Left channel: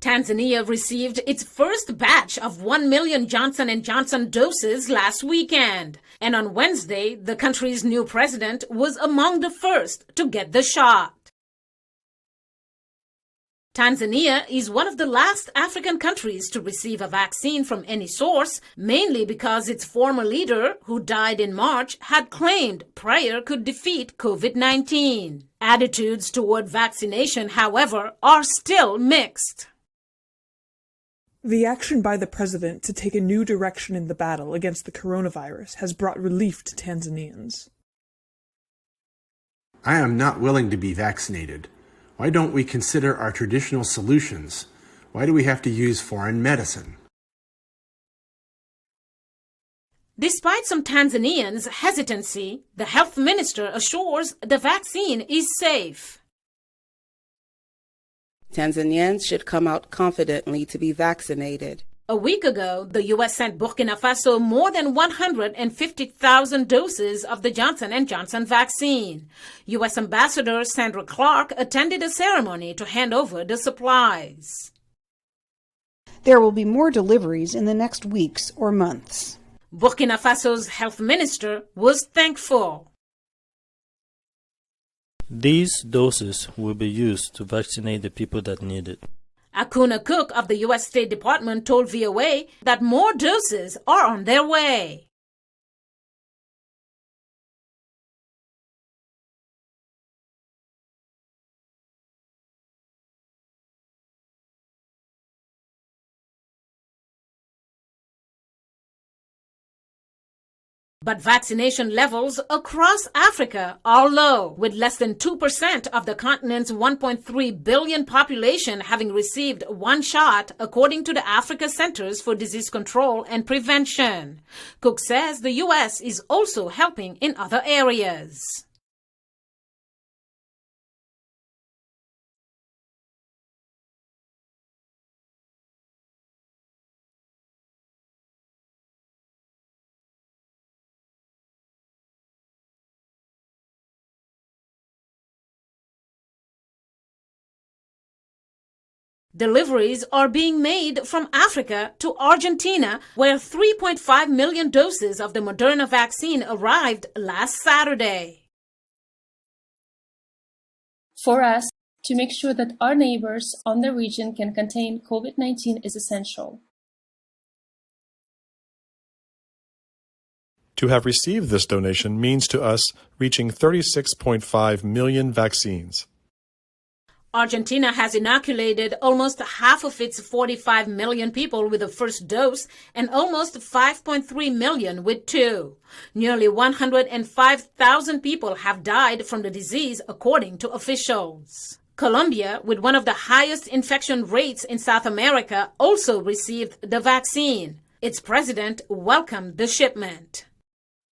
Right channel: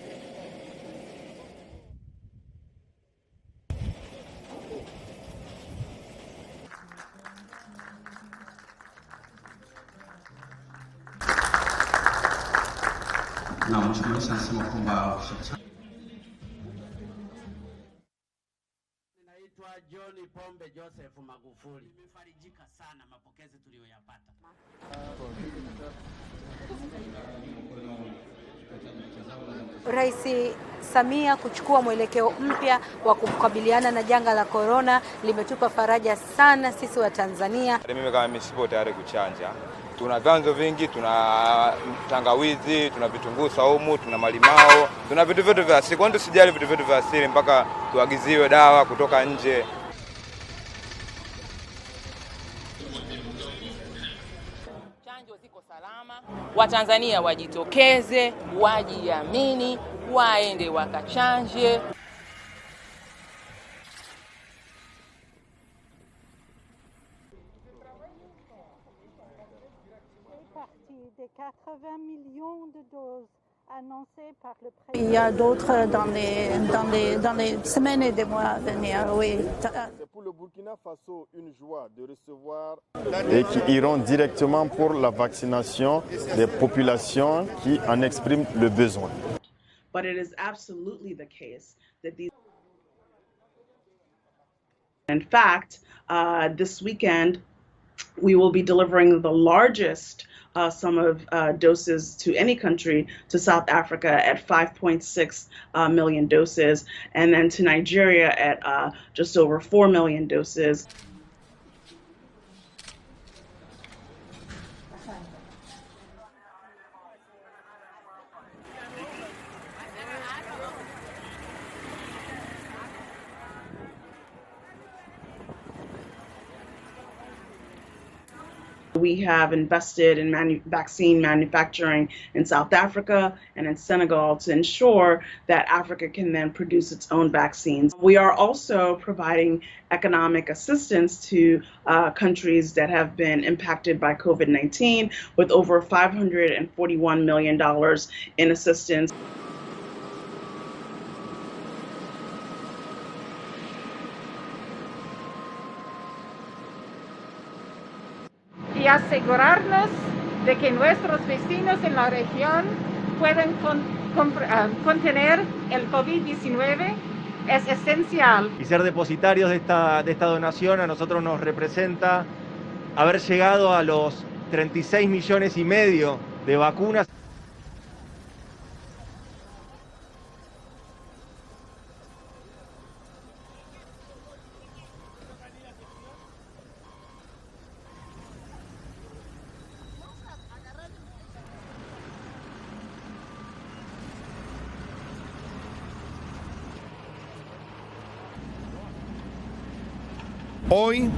Tanzania received its first batch of 1 million Johnson & Johnson doses last weekend. And on Wednesday, the country's new president was among the first to get the shot. Tanzania is one of the last African countries to receive a vaccine from any source, mainly because its former leader, who died in March, had claimed prayer could defeat COVID-19. Attitudes toward vaccination, however, are still mixed. The action by the president to take a new direction of the battle against the coronavirus has brought relief to Tanzania. I am not willing to be vaccinated. Why don't we consider our traditional solutions? Why do we have to use foreign medicine? Despite some Tanzanians' hesitancy, the health minister assures the vaccine is safe. Tanzanians should come out confidently to be vaccinated. A week ago, the U.S. sent Burkina Faso more than 150,000 doses of the Johnson & Johnson vaccine. U.S. Ambassador Sandra Clark attended a ceremony to hand over the supplies. There will be more deliveries in the next weeks or months. Burkina Faso's health minister was thankful. These doses will be used to vaccinate the people that need it. Akuna Cook of the U.S. State Department told VOA that more doses are on their way. In fact, this weekend, we will be delivering the largest sum of doses to any country to South Africa at 5.6 million doses, and then to Nigeria at just over 4 million doses. But vaccination levels across Africa are low, with less than 2% of the continent's 1.3 billion population having received one shot, according to the Africa Centers for Disease Control and Prevention. Cook says the U.S. is also helping in other areas. We have invested in vaccine manufacturing in South Africa and in Senegal to ensure that Africa can then produce its own vaccines. We are also providing economic assistance to countries that have been impacted by COVID-19 with over $541 million in assistance. Deliveries are being made from Africa to Argentina, where 3.5 million doses of the Moderna vaccine arrived last Saturday. For us to make sure that our neighbors on the region can contain COVID-19 is essential. To have received this donation means to us reaching 36.5 million vaccines. Argentina has inoculated almost half of its 45 million people with the first dose and almost 5.3 million with two. Nearly 105,000 people have died from the disease, according to officials. Colombia, with one of the highest infection rates in South America, also received the vaccine. Its president welcomed the shipment. Today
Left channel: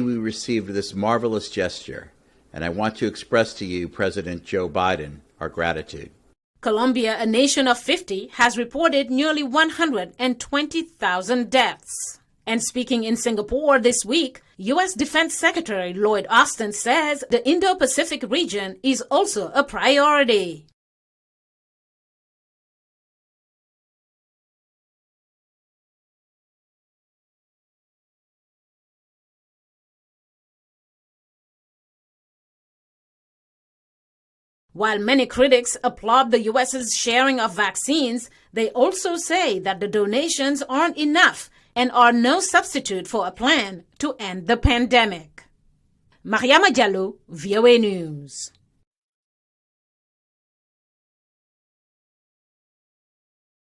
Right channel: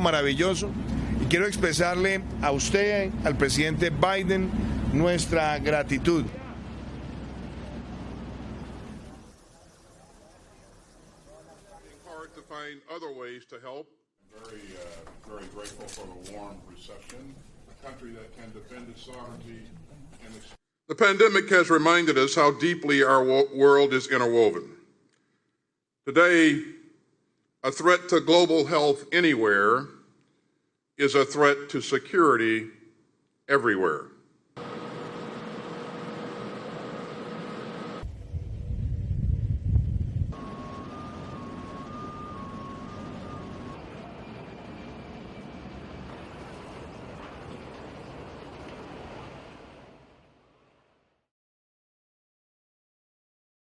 we received this marvelous gesture, and I want to express to you, President Joe Biden, our gratitude. Colombia, a nation of 50, has reported nearly 120,000 deaths. And speaking in Singapore this week, U.S. Defense Secretary Lloyd Austin says the Indo-Pacific region is also a priority. The pandemic has reminded us how deeply our world is interwoven. Today, a threat to global health anywhere is a threat to security everywhere. While many critics applaud the U.S.'s sharing of vaccines, they also say that the donations aren't enough and are no substitute for a plan to end the pandemic. Mariama Diallo, VOA News.